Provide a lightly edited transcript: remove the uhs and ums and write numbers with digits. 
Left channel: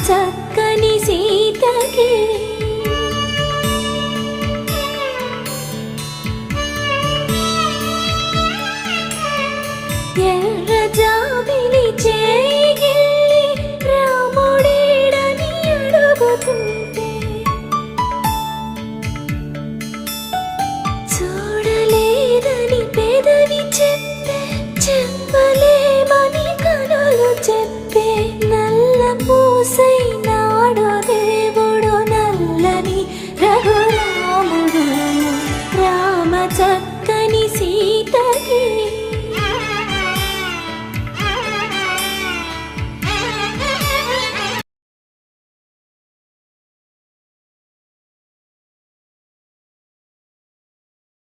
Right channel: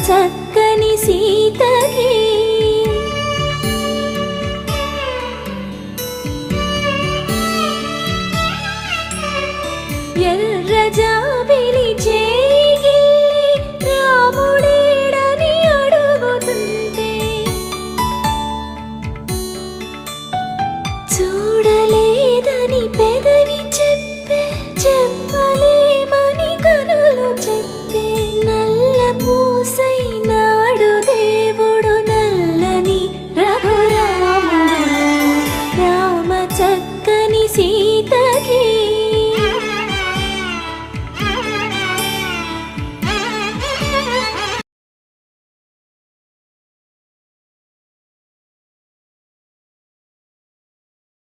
చక్కని సీతకి ఎర్ర జాబిలి చేయి రాముడేడని అడుగుతుంటే చూడలేదని పెదవి చెప్పే చెప్పలేమని కనులు చెప్పే నల్ల పూస